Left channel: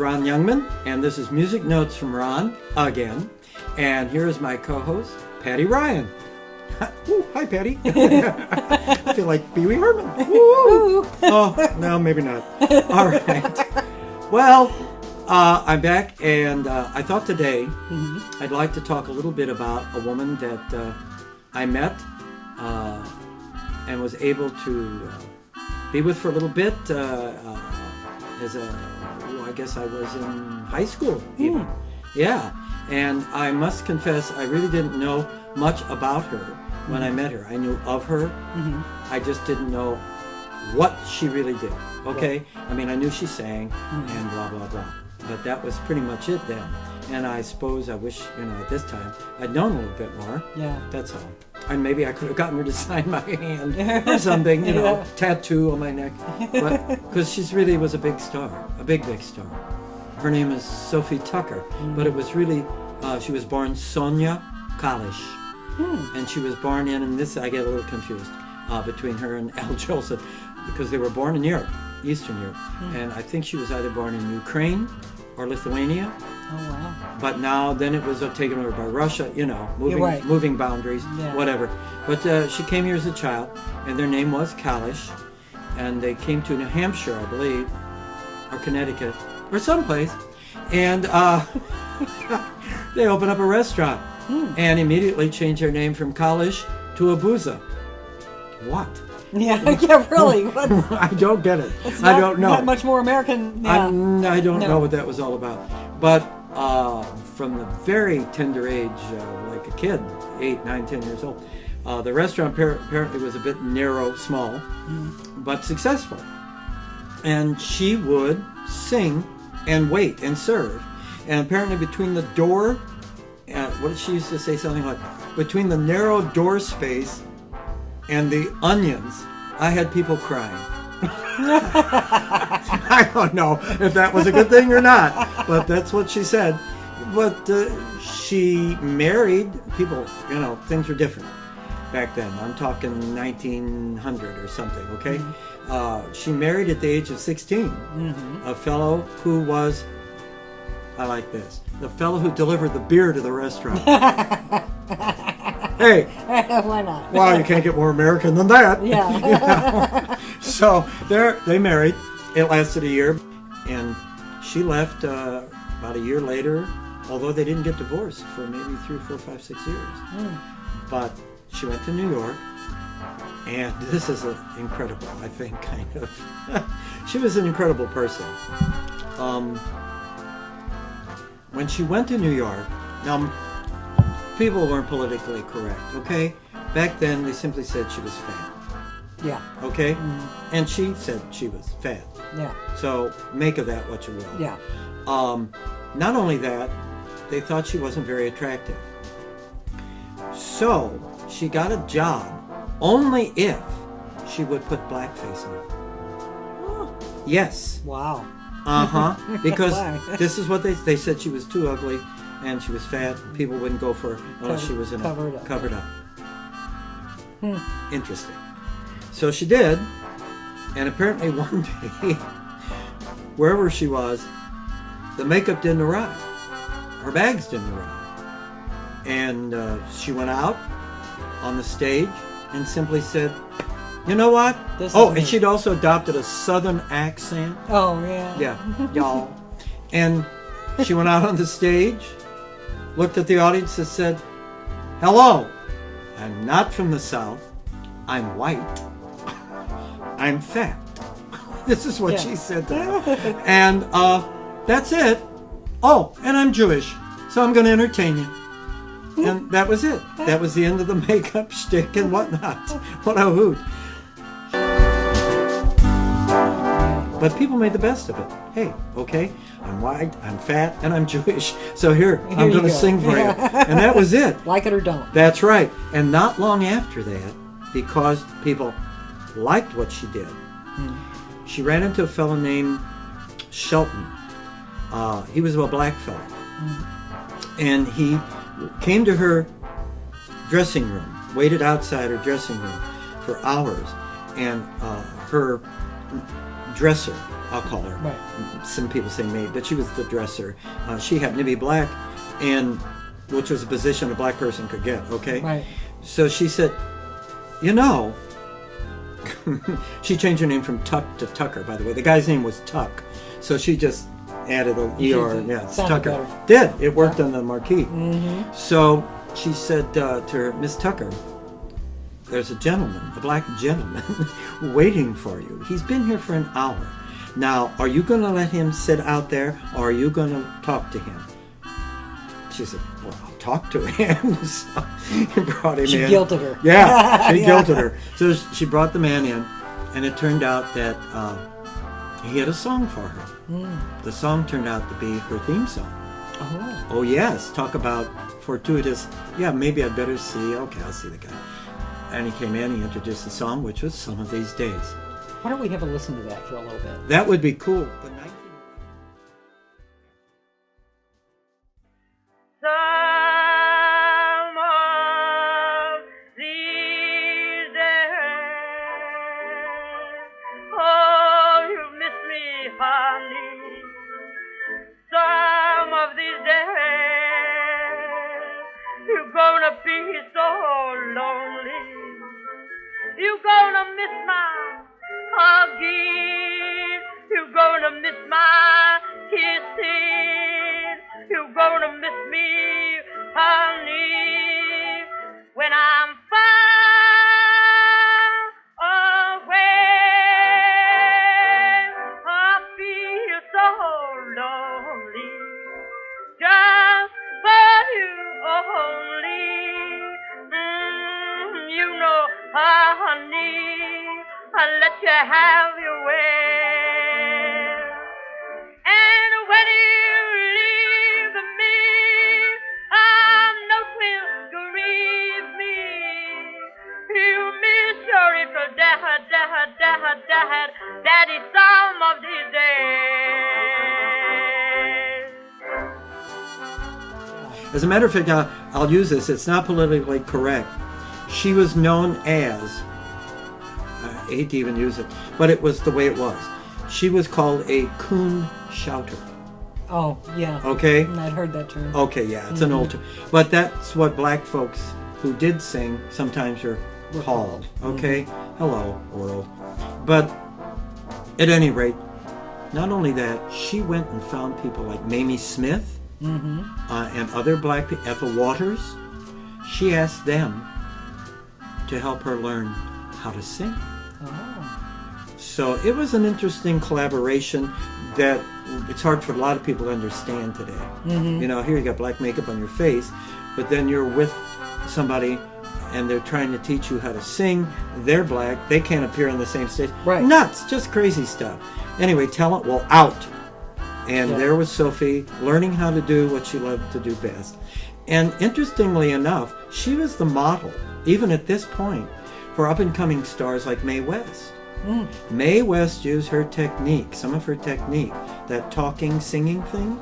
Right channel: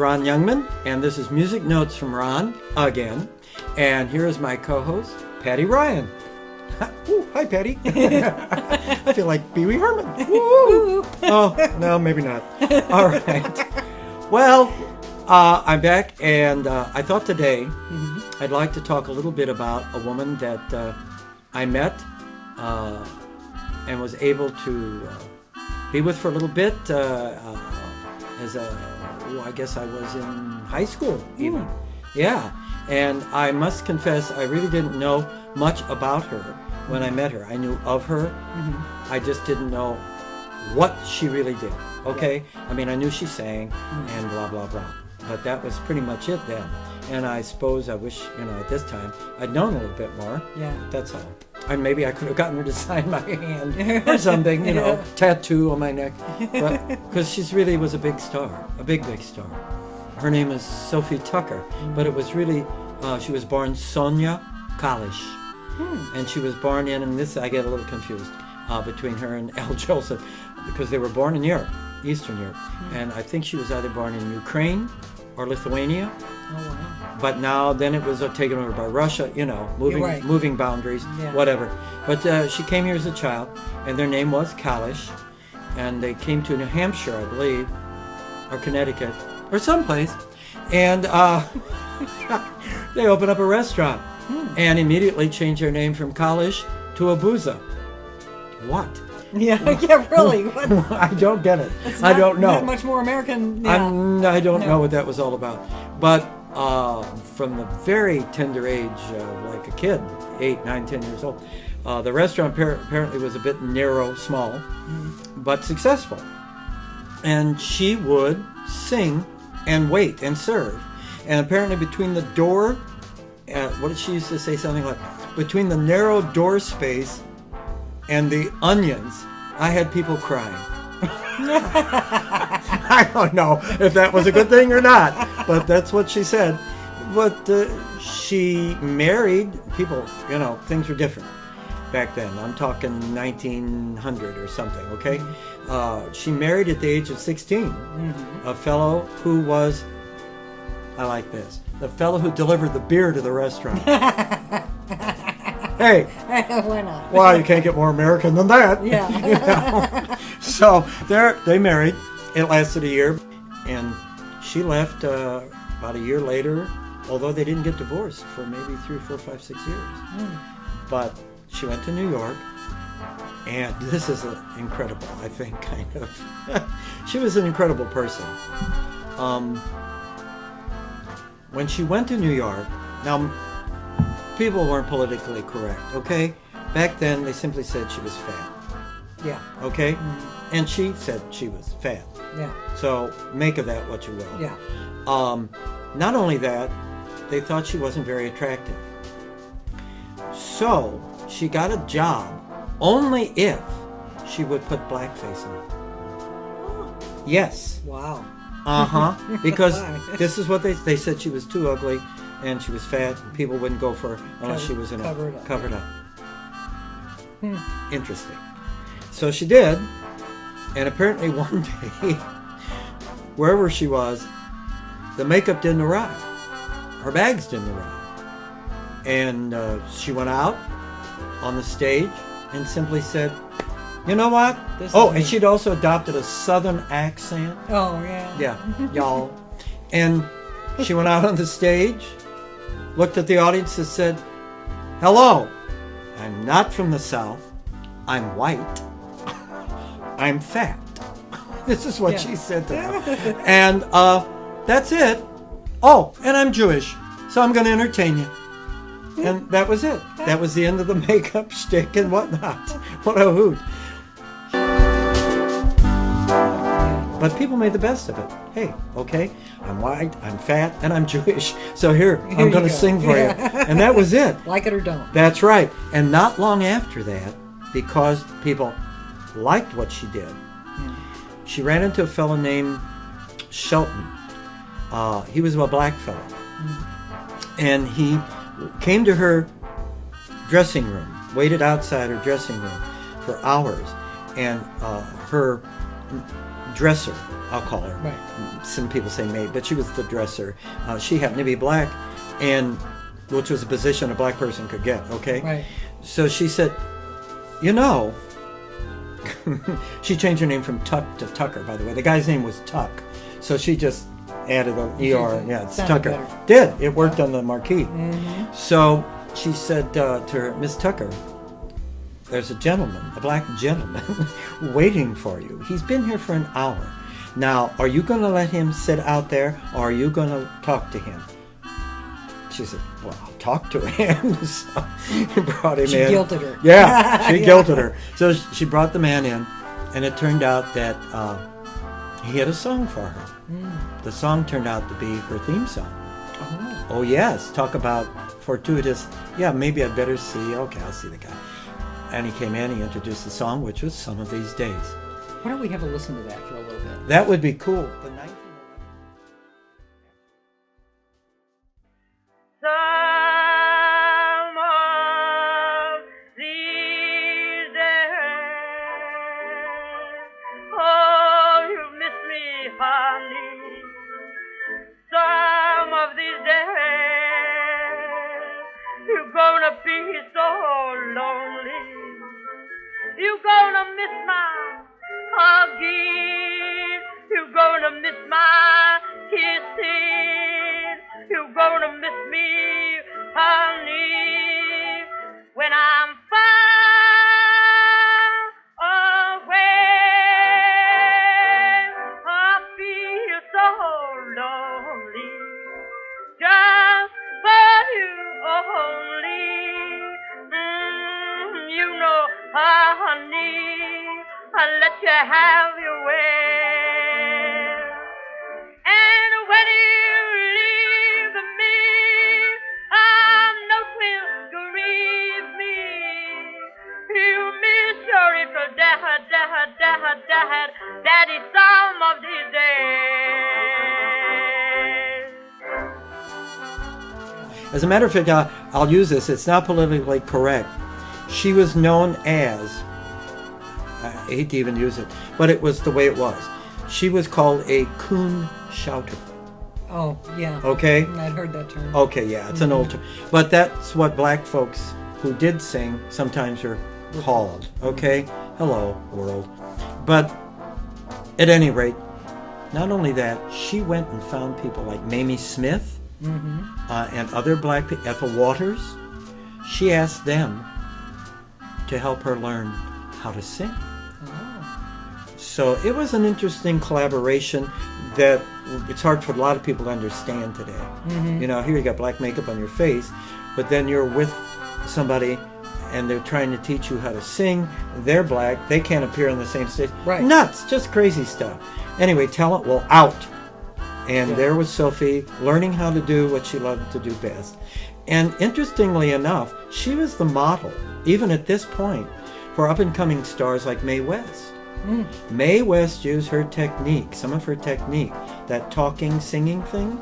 Ron Youngman, and this is Music Notes from Ron again. And here is my co-host, Patty Ryan. Ooh, hi, Patty. I feel like Pee Wee Herman. Oh, no, maybe not. All right. Well, I'm back, and I thought today I'd like to talk a little bit about a woman that I met and was able to be with for a little bit I guess I was in high school even. Yeah, and I must confess I really didn't know much about her when I met her. I knew of her. I just didn't know what she really did. Okay? I mean, I knew she sang and blah, blah, blah. But that was pretty much it then. And I suppose I wish, at this time, I'd known a little bit more. Yeah. That's all. Maybe I could have gotten her to sign my hand or something, tattoo on my neck. But because she really was a big star, a big, big star. Her name is Sophie Tucker, but it was really, she was born Sonia Kalish. And she was born in this I get a little confused, between her and Al Joseph, because they were born in Europe, Eastern Europe. And I think she was either born in Ukraine or Lithuania. Oh, wow. But now, then it was taken over by Russia, moving boundaries, whatever. But she came here as a child, and their name was Kalish, and they came to New Hampshire, I believe, or Connecticut, or someplace, and they opened up a restaurant, and immediately changed their name from Kalish to Abuza. What? Yeah, really. I don't get it. I don't know. Not much more American. Yeah. I don't know what that was all about. But from the very tender age, like a kid, 8, 9, 10 years old, the restaurant apparently was a bit narrow, small, but successful. And she would sing and wait and serve. And apparently between the door, what did she used to say? Something like, between the narrow door space and the onions, I had people crying. I don't know if that was a good thing or not, but that's what she said. But she married people, things were different back then. I'm talking 1900 or something, okay? She married at the age of 16 a fellow who was, I like this, the fellow who delivered the beer to the restaurant. Hey, why not? Well, you can't get more American than that. Yeah. So they married. It lasted a year, and she left about a year later. Although they didn't get divorced for maybe 3, 4, 5, 6 years. But she went to New York, and this is incredible. I think kind of. She was an incredible person. When she went to New York, now. People weren't politically correct, okay? Back then, they simply said she was fat. Yeah. Okay? And she said she was fat. Yeah. So, make of that what you will. Yeah. Not only that, they thought she wasn't very attractive. So, she got a job only if she would put blackface on. Yes. Wow. Because this is what they said, she was too ugly. And she was fat. People wouldn't go for her unless she was covered up. Interesting. So she did, and apparently one day, wherever she was, the makeup didn't arrive. Her bags didn't arrive. And she went out on the stage and simply said, you know what? And she'd also adopted a southern accent. Oh, yeah. Yeah, y'all. And she went out on the stage, looked at the audience and said, hello, I'm not from the South. I'm white. I'm fat. This is what she said to her. And that's it. Oh, and I'm Jewish, so I'm going to entertain you. And that was it. That was the end of the makeup shtick and whatnot. What a hoot. But people made the best of it. Hey, okay, I'm white, I'm fat, and I'm Jewish. So here I'm going to sing for you. And that was it. Like it or don't. That's right. And not long after that, because people liked what she did, she ran into a fellow named Shelton. He was a black fellow. And he came to her dressing room, waited outside her dressing room for hours, and her dresser I'll call her. Right. Some people say maid, but she was the dresser. She happened to be black, and which was a position a black person could get, okay? Right. So she said, you know, she changed her name from Tuck to Tucker, by the way. The guy's name was Tuck. So she just added an ER. Yeah, it's Tucker. Better. It worked on the marquee. Mm-hmm. So she said to her, Miss Tucker, there's a gentleman, a black gentleman, waiting for you. He's been here for an hour. Now, are you going to let him sit out there, or are you going to talk to him? She said, well, I'll talk to him. So he brought him in. She guilted her. Yeah, she Yeah. guilted her. So she brought the man in, and it turned out that he had a song for her. Mm. The song turned out to be her theme song. Oh, yes. Talk about fortuitous. Yeah, maybe I'd better see. Okay, I'll see the guy. And he came in, he introduced the song, which was Some of These Days. Why don't we have a listen to that for a little bit? That would be cool. Some of these days, oh, you miss me, honey. Some of these days, you're gonna be so lonely. You're gonna miss my hugging. You're gonna miss my kissing. You're gonna miss me, honey, when I'm far away. I feel so lonely, just for you only. You know, honey, I'll let you have your way. And when you leave me, I know it will grieve me. You miss your little daddy some of these days. As a matter of fact, I'll use this. It's not politically correct. She was known as, I hate to even use it, but it was the way it was. She was called a coon shouter. Oh, yeah. Okay? I'd heard that term. Okay, yeah, it's an old term. But that's what black folks who did sing sometimes are called. Okay? Hello, world. But at any rate, not only that, she went and found people like Mamie Smith and other black people, Ethel Waters. She asked them to help her learn how to sing. So it was an interesting collaboration that it's hard for a lot of people to understand today. You know, here you got black makeup on your face, but then you're with somebody and they're trying to teach you how to sing. They're black. They can't appear on the same stage. Right. Nuts. Just crazy stuff. Anyway, talent will out. And there was Sophie learning how to do what she loved to do best. And interestingly enough, she was the model, even at this point, for up-and-coming stars like Mae West. Mae West used her technique, some of her technique, that talking, singing thing.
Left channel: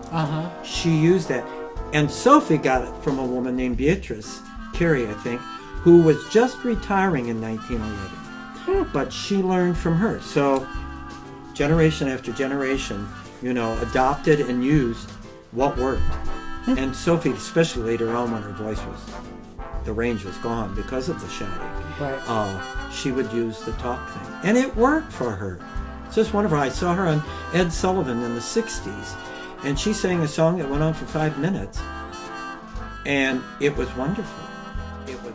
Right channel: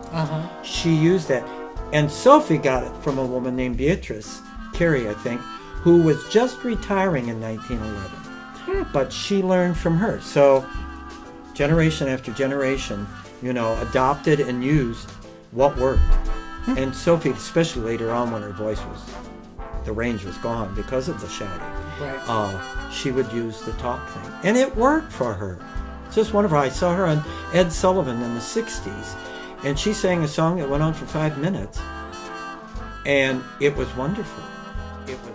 She used that. And Sophie got it from a woman named Beatrice Terry, I think, who was just retiring in 1911. But she learned from her. So generation after generation, you know, adopted and used what worked. And Sophie, especially later on when her voice was, the range was gone because of the shouting. Right. She would use the talk thing. And it worked for her. It's just wonderful. I saw her on Ed Sullivan in the 60s. And she sang a song that went on for 5 minutes. And it was wonderful. It was.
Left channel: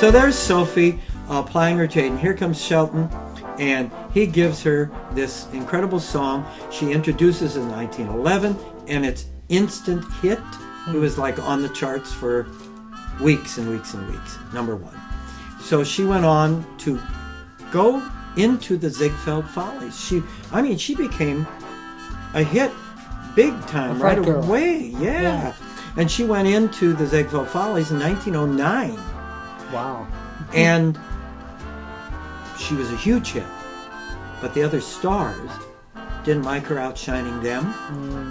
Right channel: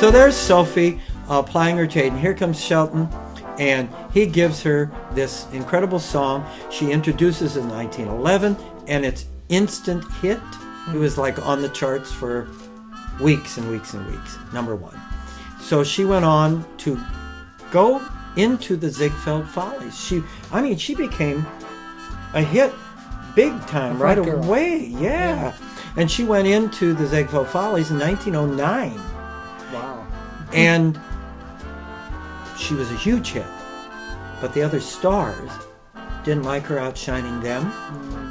So there's Sophie plying her trade. And here comes Shelton. And he gives her this incredible song. She introduces in 1911, and it's instant hit. It was like on the charts for weeks and weeks and weeks. Number one. So she went on to go into the Ziegfeld Follies. She became a hit big time right away. Yeah. And she went into the Ziegfeld Follies in 1909. Wow. And she was a huge hit. But the other stars didn't like her outshining them.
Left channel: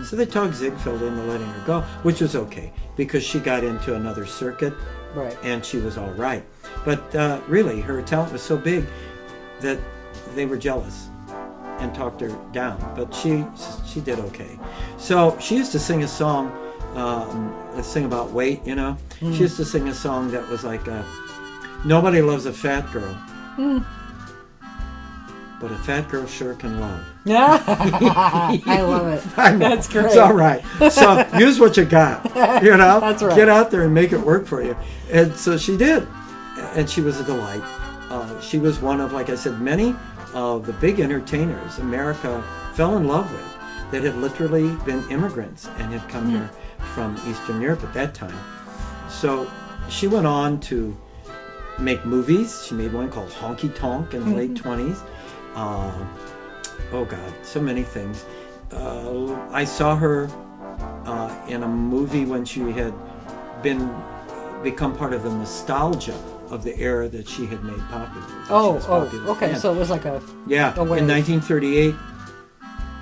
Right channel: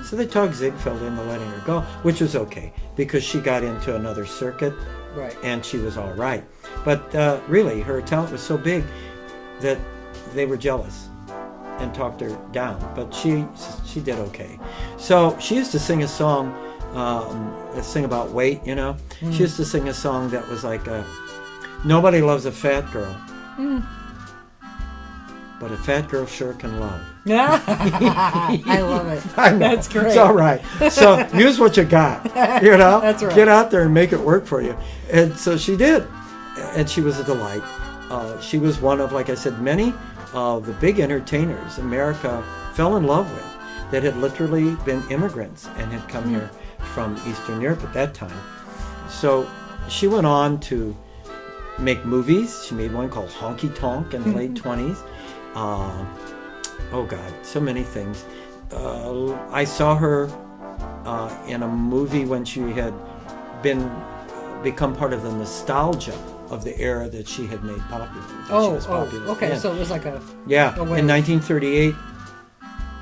So they talked Ziegfeld into letting her go, which was okay because she got into another circuit Right. and she was all right. But really, her talent was so big that they were jealous and talked her down. But she did okay. So she used to sing a song, sing about weight, you know. She used to sing a song that was like, nobody loves a fat girl. But a fat girl sure can love. Yeah. I love it. I know. That's great. It's all right. So use what you got. You know? That's right. Get out there and make it work for you. And so she did. And she was a delight. She was one of, like I said, many of the big entertainers America fell in love with that had literally been immigrants and had come here from Eastern Europe at that time. So she went on to make movies. She made one called Honky Tonk in the late 20s. Oh God, so many things. I saw her in a movie when she had become part of the nostalgia of the era that she had made popular. Okay. Yeah. So it was like a In 1938,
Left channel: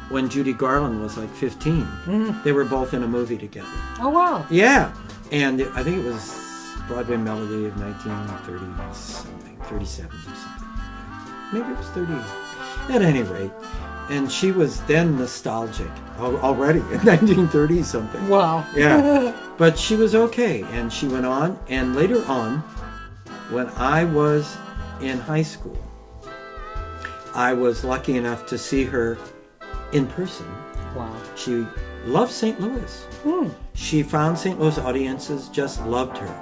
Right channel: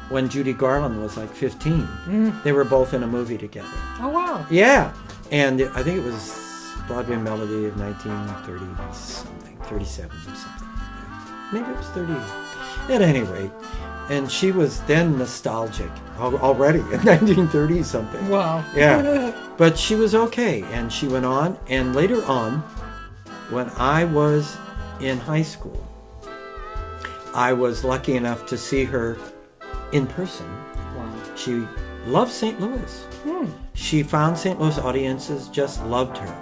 when Judy Garland was like 15, they were both in a movie together. Oh wow. Yeah, and I think it was Broadway Melody of 1930 something, 37 or something. Maybe it was 38. At any rate, and she was then nostalgic already in 1930 something. Wow. Yeah, but she was okay, and she went on, and later on, when I was in high school, I was lucky enough to see her in person. Wow. She loved St. Louis. She found St. Louis audiences just loved her.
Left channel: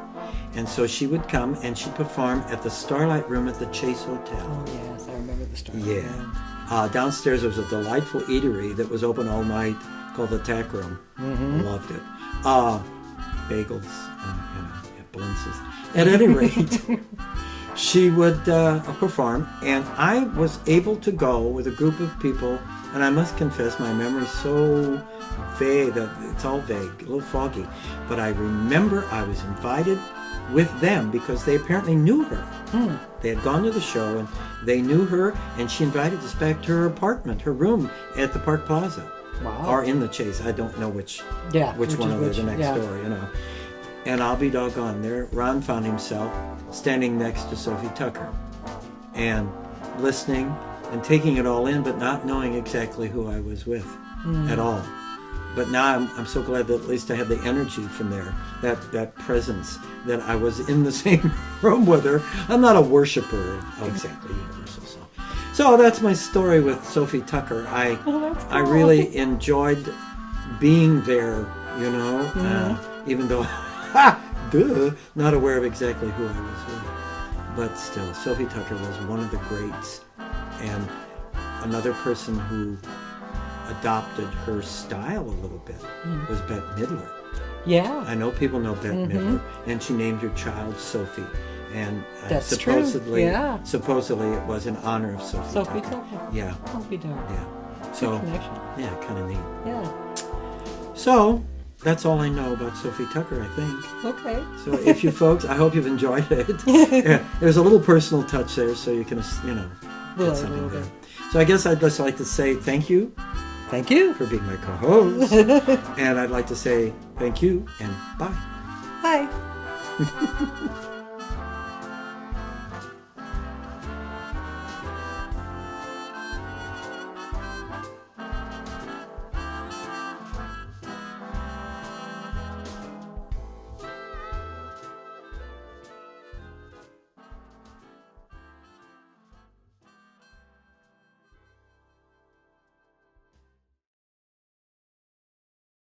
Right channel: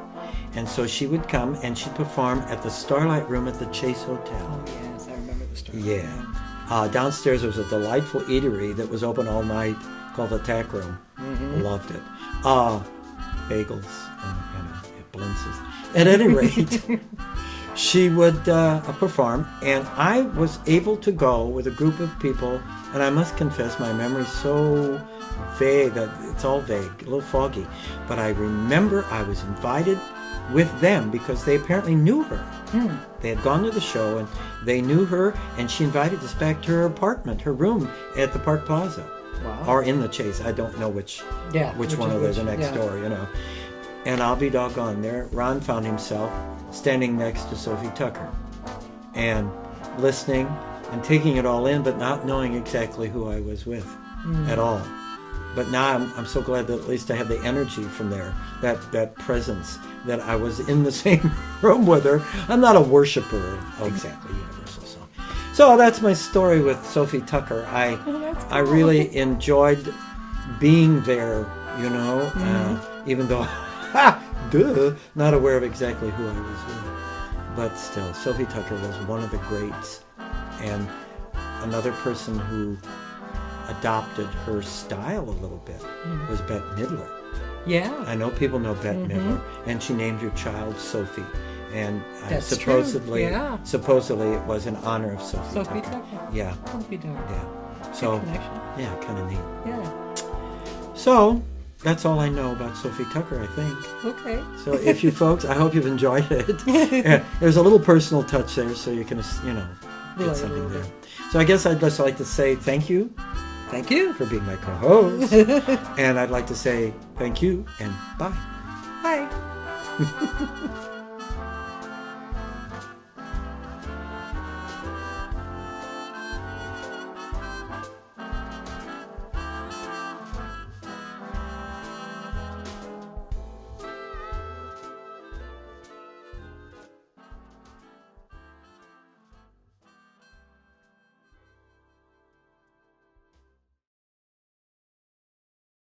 And so she would come and she'd perform at the Starlight Room at the Chase Hotel. Yes, I remember the story. Yeah. Downstairs there was a delightful eatery that was open all night called the Tack Room. Loved it. Bagels and blintzes. At any rate, she would perform, and I was able to go with a group of people, and I must confess my memory's so vague, it's all vague, a little foggy, but I remember I was invited with them because they apparently knew her. They had gone to the show and they knew her, and she invited us back to her apartment, her room at the Park Plaza. Wow. Or in the Chase. I don't know which one of those are next door, you know. And I'll be doggone, there Ron found himself standing next to Sophie Tucker and listening and taking it all in, but not knowing exactly who I was with at all. But now I'm so glad that at least I had the energy from there, that presence, that I was in the same room with her. I'm not a worshiper exactly universal. So that's my story with Sophie Tucker. I really enjoyed being there, you know, even though not aware of exactly who I was with. But still, Sophie Tucker was one of the greats, and another person who adopted her style a little bit was Bette Midler. Yeah. I know people know Bette Midler, and she named her child Sophie. And That's supposedly, true. Yeah. supposedly it was in honor of Sophie Sophie Tucker. Tucker. Yeah, Sophie Tucker. yeah. So, Good connection. yeah, kind of neat. Yeah. So, that's all I know about Sophie Tucker, I think. Okay. So if you folks, I hope you've enjoyed it. Yeah, there's a little personal touch there, so you can, get something there. So I guess I'd just like to say thank you. Thank you. For being my co-host. And I'd like to say thank you and bye. Bye.